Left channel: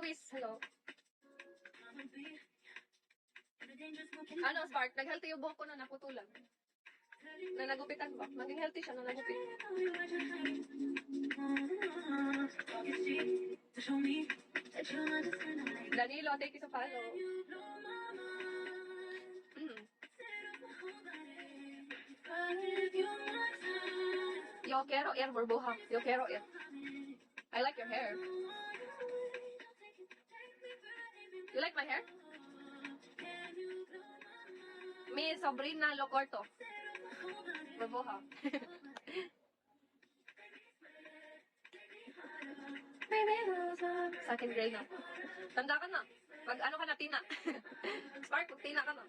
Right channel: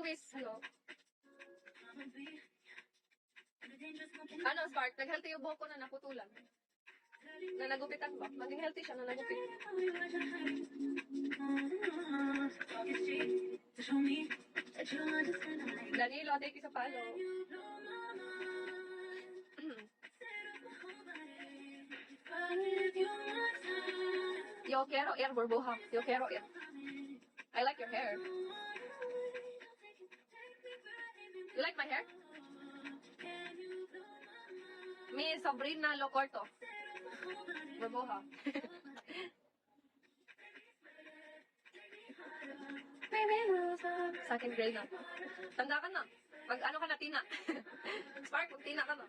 Luis, hello. Ano, Spark? Nag-healthy yung buhok ko na naputulan. Na nagupitan ko. Maging healthy siya na nagupit. Danilo, thank you sa follow. Yo quiero ir, burbuja. Yo quiero ir. I like your hair. You like my hair? Mi sobrina lo corto. Burbuja. Sa akin gray na. Tanda ka na. Mag ano ka na, Tina. Spark, mag Tina ka na.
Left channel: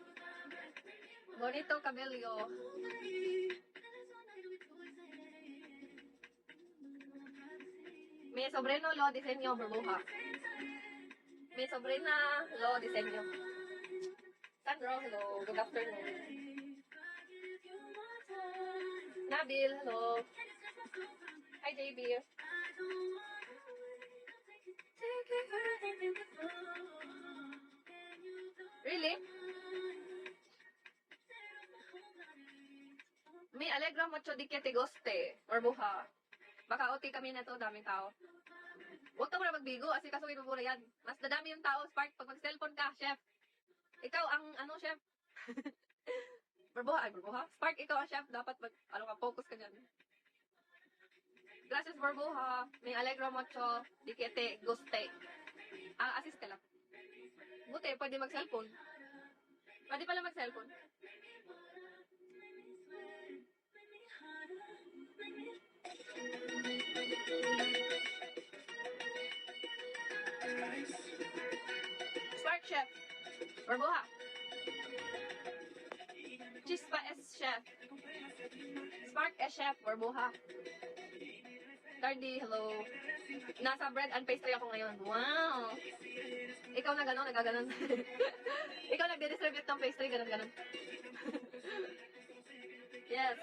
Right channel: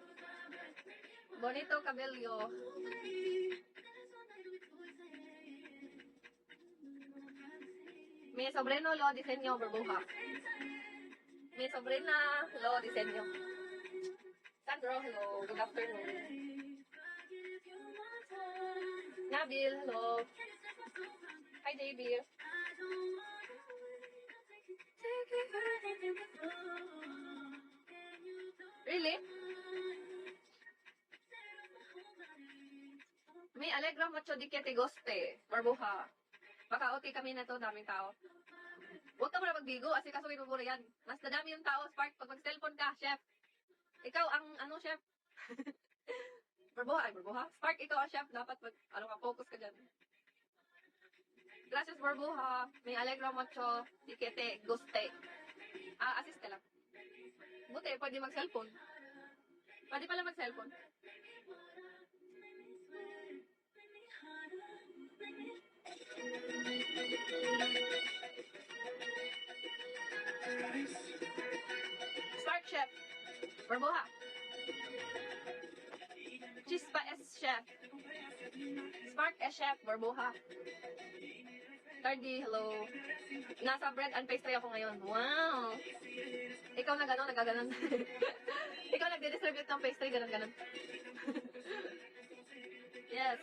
Bonito cabello. Mi sobrino lo diseño, burbuja. Mi sobrina lo diseño. Sandro, hello. Good afternoon. Nabil, hello. Hi, JB. Really? May alegra mucho di que te guste. Burbuja. Baka okay kami na to, daming tao. Huwag ka muna magbigo, kasi kaso inumura yan. Mas dadami yung tao, Spark, pag mag-cellphone ka, chef. Ikaw ang, ano, chef? Burbuha, ay, burbuha? Spark, ikaw ang chef, dapat mag, ano ka, focus ka dyan. Gracias, burbuha. May alegra mucho di que te guste. Assist ka lang. Buti, pwede mag-cellphone. Pwede pala mag-cellphone. Spark chef. Burbuha. Chispa es chef. Spark es chef. Burbuha. Tardy, hello. Nasa bread and pastry ako ngayon. Wow. Ikaw na gano'n, nagaganon. Ikaw nagdi-distribute ng pastry, gano'n-gano'n. Yes.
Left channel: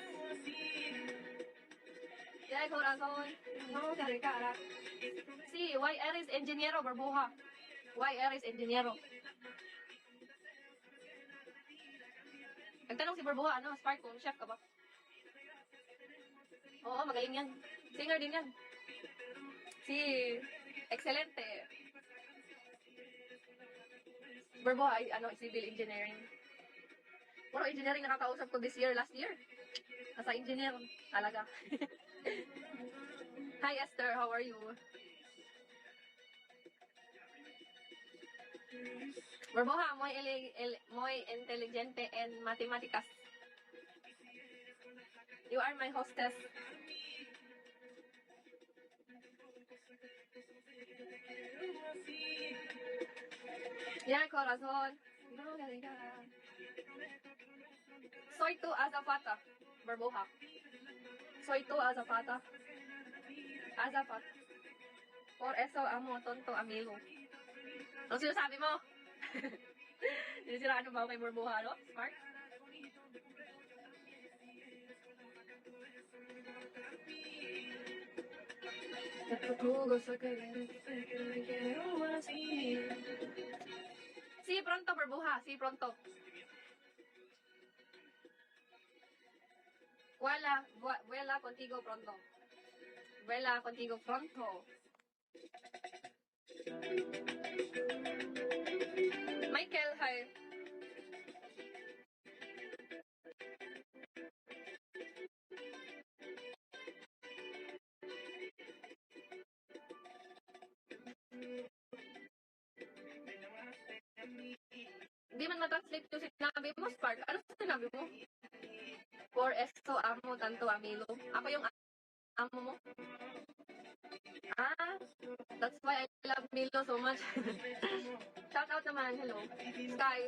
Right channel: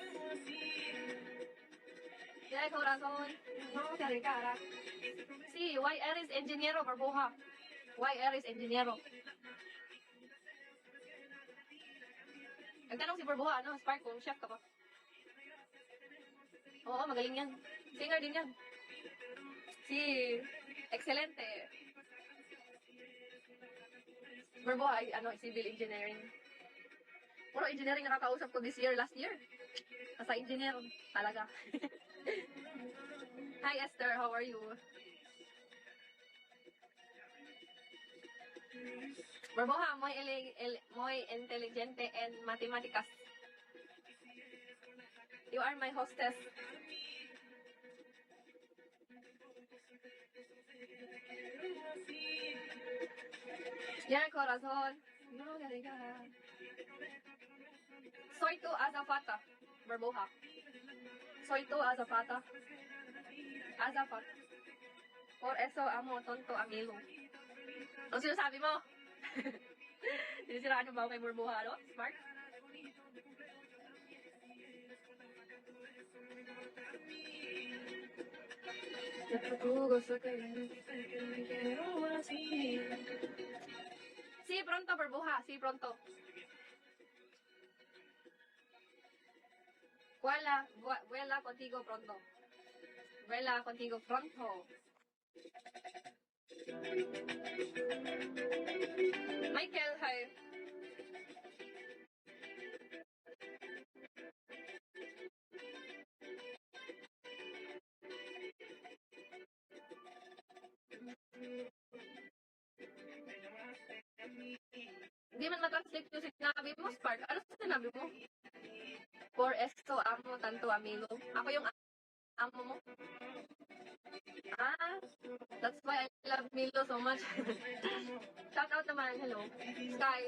Ya, corazón. No, cara. Sí, why eres ingeniero, burbuja? Why eres ingeniero? Nagtanong si burbuha, ano, Spark, kung chef ka ba? Oo, magaling yan. Singer din yan. Si, excelente. Burbuha ay, ano, civil engineering. Puro engineering nakakausap ko this year, last year. Nasa engineer, talaga. Hi Esther, how are you? Burbuja, muy inteligente en matemáticas. You are my hostess. Yeah, corazón. No, soy tu azafata, burbuja. Soy tu azafata. Azafat. Por eso amo tonto amigo. Ano sinasabi mo? Sinisiraan mo ba kay burbuha, no? Smart? Sí, pronto, burbuja. Sí, pronto. Vuela contigo pronto. Vuela contigo pronto. Michael, hi. Hindi man matranslate yung sinabi mo, Spark. Ano sinabi mo? Por esto amo tanto amigo. Ako yung amo mo. That's why I love Milo so much. Shout out naman, hello. Sky.